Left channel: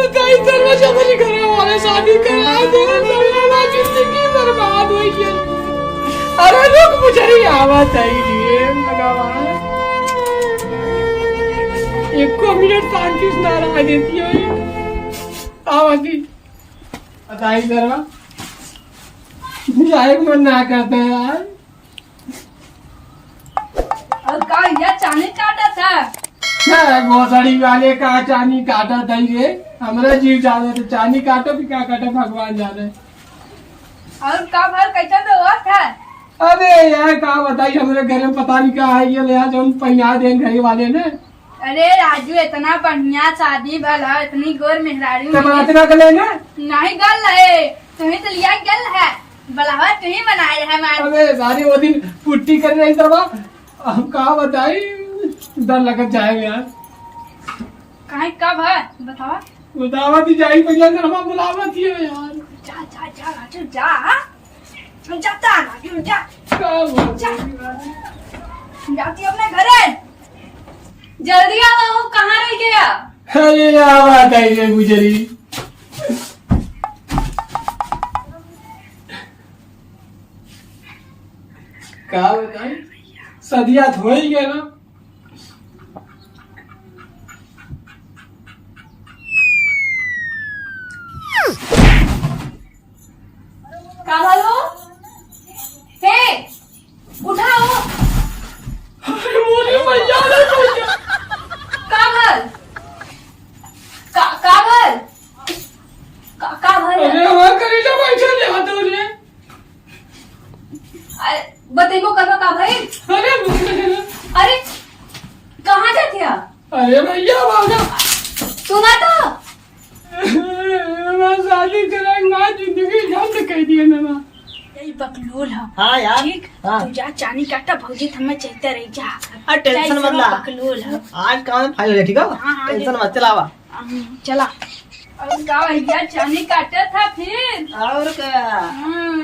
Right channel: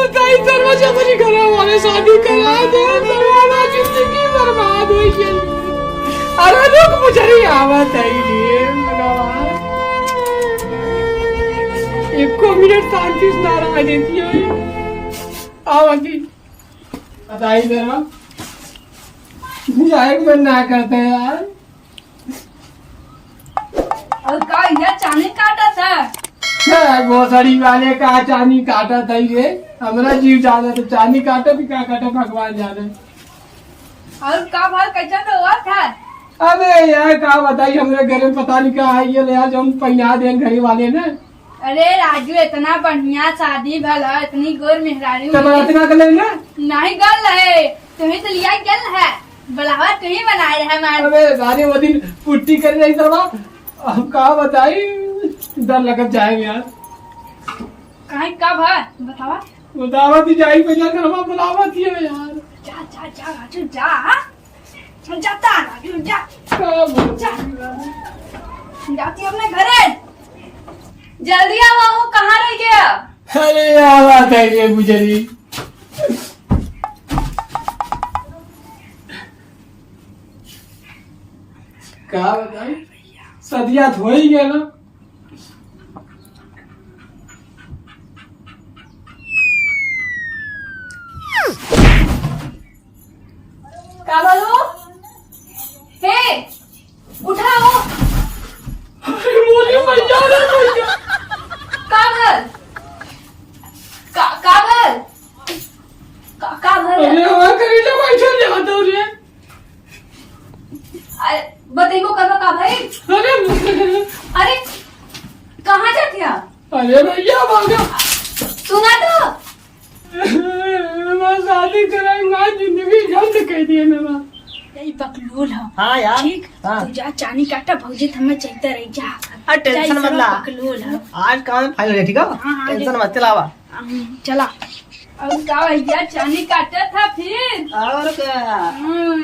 बताई दरवाजा मेरी घर वाले शादी करा दे हमारा जिंदगी बर्बाद हो गई। अरे लोग मुझे ही आवत है ये भगवान एक को मिनट शांति से ना रह देती है आवाजी बताई जरा जाए मन ना करते यार। और का यह चाने काटा था गोसड़ी वाले का चानी काटा था ये हमारा जीव जाना तो चानी काटा भी क्या काटा भगवान जाने। और का भर कैसा तो हुआ था। अबे यार का बताई हमारे घर में पता नहीं क्या है ये ले आज हम पहना दे घर वाले ने। अरे राजू इतना बढ़िया शादी भला इतनी गोर मेहरारी इतना कर लेना नहीं गल है तुम्हें तो लिया गल है बलावा तुम्हें बनाए है हमारे। अबे सारे वो दिन पुट्टी कर रही तरवा हम का बताई डर लगत जाए यार। कहीं कब है बताओ बतावा थी जाई पहले तरवा बुलावा थी यार। जा जा जा राजू जा जाता राजू जा जाती अपने घरे जल्दी आओ वो कहाँ रह गया। अरे यार बात है ये गुजरी क्या बताई सदिया हो ही गया ना। का बोलो हे उठाओ कागल कागल कागल अरे वहाँ करेला पैसा ले आता हो रे। अरे बताइए करवा का भाई। अरे कहाँ जाते हैं। अरे भैया भागा सुना तो मैं शादी कराई माँ जिंदगी झंड कह दिए मैं यही बकलोल है। हाँ यार ठीक हाँ। तू जा चानी काटा भौजी हमें चलते रही जा टेंशन मत ला बकलोल है। आज काम में फाइल हो गया ठीक है हाँ, टेंशन मत चलावा चला और का भैया चानी काटा था फिर और क्या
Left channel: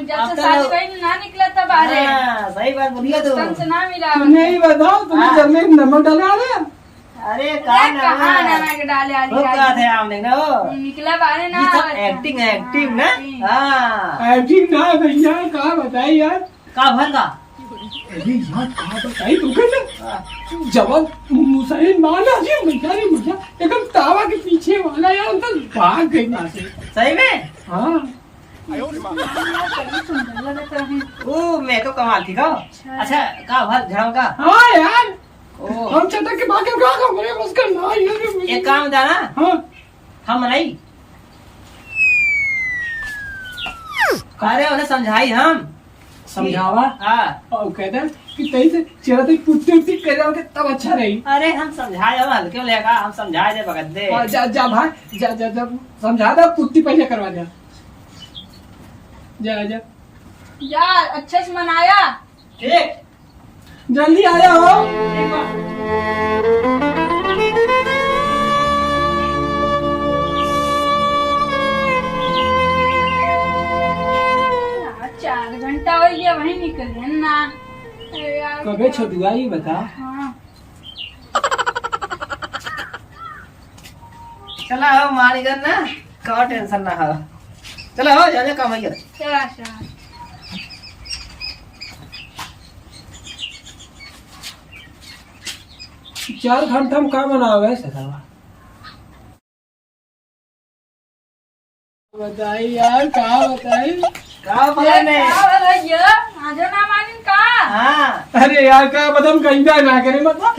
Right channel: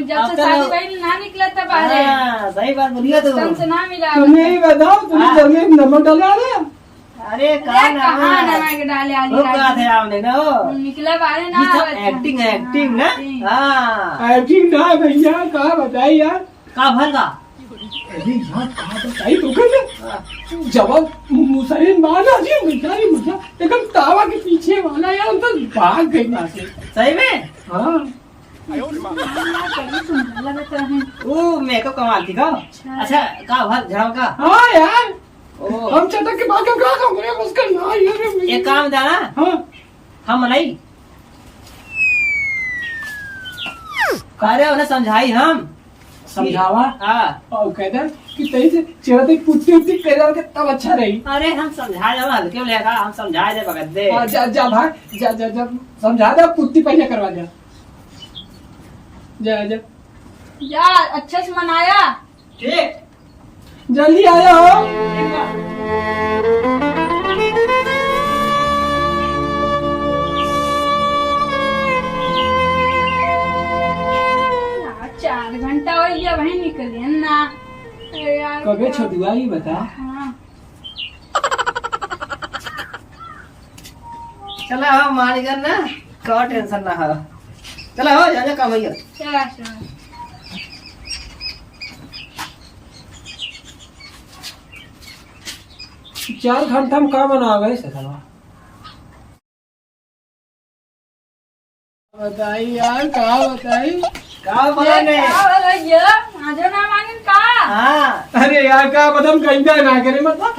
जब अब से तो शादी कहीं ना निकला था बाहर हाँ, सही बात बोलिए तू दोस्तन से ना मिला तुम्हें ही बताओ तुम्हें घर में नमक डाला रहे अरे अरे कहाँ कहाँ ना नमक डाले आली वो क्या थे आपने ना वो निकला बाहर ना ये सब आवत था। एक्टिंग है एक्टिंग ना एक्टिंग। हाँ एक्टिंग ना भैया कहा बताई यार। का भर का अरे यार कहा बताई तो कहने जवाब मुसलिम माना जी बेचारी मुझे एकदम तावा के पीछे वाला यार अंकल भाग गई वहां से। सही में हाँ बड़ी सुंदर लगत रहे। ओ मेकअप कमाल थी का अच्छा का भर झड़ाओ का हाँ यार ओ हम चटक के भाग के क्या करें उसका ना यार एक काम जाना हाँ हम मलाई कह रहे उन्हें समझाई हम समझावा हाँ और कहता है कि तई से चेहरा तक पुट्टी उट्टी कर जाओगे तब अच्छा रही। अरे हम समझाए ना हल्के में लेगा हम समझाए दे भगत दे हाँ, जा जा भाई जा जा जा समझा दे पुट्टी पहले करवा जा जा जा यार अच्छे से मनाया ठीक जल्दी आ जाओ। यार, 4 घंटा हो गया वहीं निकले ना। अरे यार कबे छदुआ ही बता। हाँ चला हो मानिगर ना का टेंशन ना हो चला हो जा काम है चला चला 4 घंटा में का बनावे ससुरवा बताई यार का बताई का बोला ने ये आजो ना मांगन का हाँ अरे यार का बदम कहीं ना करे मतलब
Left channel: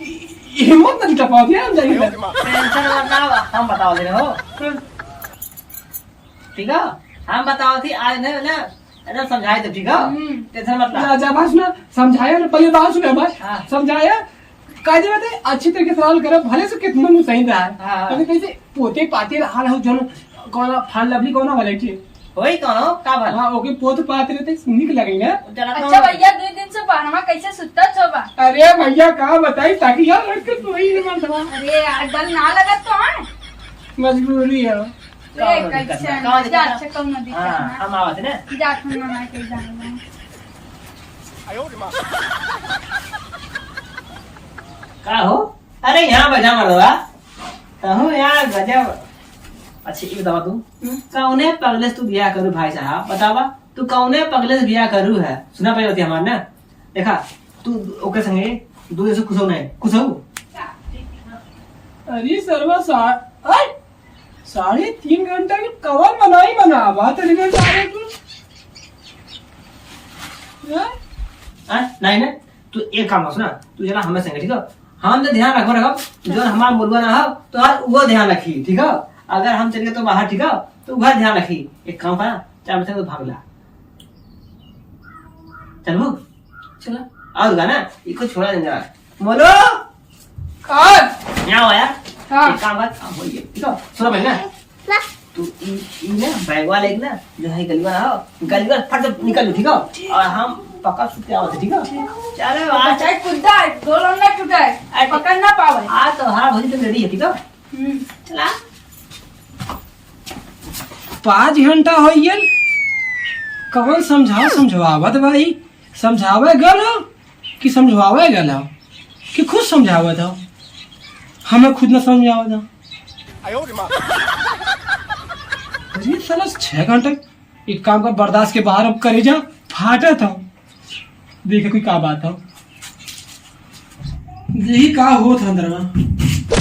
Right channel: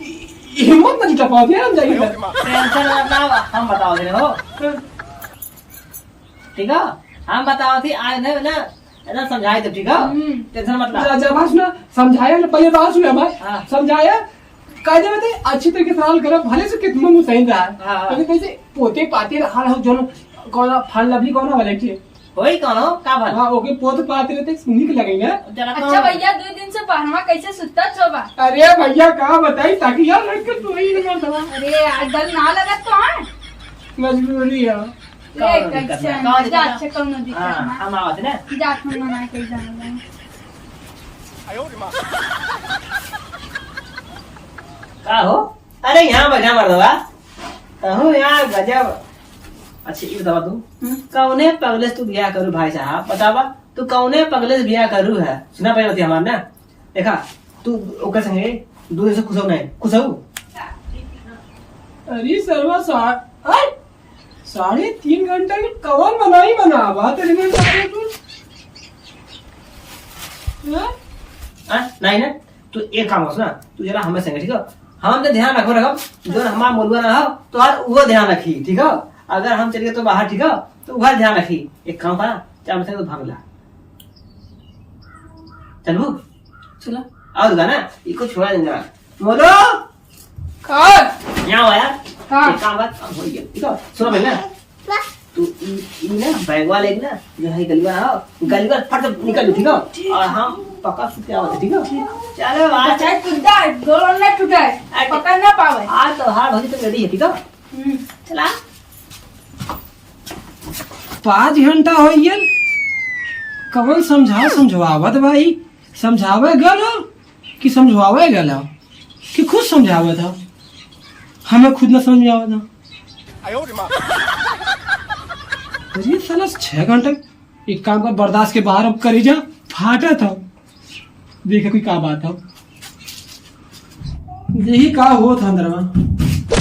हिम्मत नहीं टपा दिया हम जाएंगे। टेंशन मत ना हम बताओ दे हो ठीक है हम बताओ थी आज नहीं ना एकदम समझाए तो ठीक है टेंशन मत ला जब आज ना समझाया ना पहले बात सुना भाई हाँ। समझाया कायदे में अच्छी तरीके से हल करो भले से कितना मुंह सही रहा है हाँ। लेकिन कैसे पोते पाते हाल हो जो कौन फन लवली कौन वाले के होई कौन हो का भर हां ओके पोते पाते रहते निक लगे ना। जरा अच्छा भैया 2 दिन से बाहर कैसे सुता छोबा। अरे भैया का बताई ताकि यार रख के तू ही ना दवा अरे यार डर ना लगत तो है मजबूरी है। ए कैसे जा अच्छा कौन नदी हाँ हम आवत ना जा खाना ना कहीं जाना का हो अरे यहाँ बजा मर दवा कहूँ यहाँ गजब अच्छा ये बतावा तू कौने पगले से तू ब्याह करू भाई साहब बतावा तू कौने पगले से ब्याह करू है सुना पहले होती हमार ना देखा तू ओकर संगे दो दिन से खुश हो नहीं खुश हो अरे सरवा 3.5 घंटे में कवर बनाई बनावा तेरे में सारे तू नहीं ना तू एक काम कर सुना तू जरा हमें संगे ठीक है हम तो ध्यान रखो जो हमारा मुलवा ना हो तो हर वो ध्यान रखी ठीक है अगर हम चल गए तो बाहर ठीक है तो वह ध्यान रखी एक काम करा चार बजे तो भाग ला चलो चलो आओ ना इसको छोड़ा देंगे जरा मोलो कौन यहाँ हो यार हाँ। एक काम कर हो गया ठीक है सुनो पहले ना तू ना बैग वाले ना जो है गलीवा ना हो गलीवा फट से निकल लो ठीक है और हम पक्का सुते आओ ठीक है चलो आ चाहे कुद्दा दोनों ने टूटा है पकड़ ना पावे आ तो हाँ भजी तो रेडी है ठीक है चला 5 घंटा हो गया कौन समझावत भाई समझावे गल कि समझावे गल कि खुद समझावत हो हमें खुद न समझावत हो अरे साला 6 घंटे एक काम का बर्दाश्त के बाहर अब करी जा फाटा था देखे कोई का बात हो यही का हुआ था अंदर में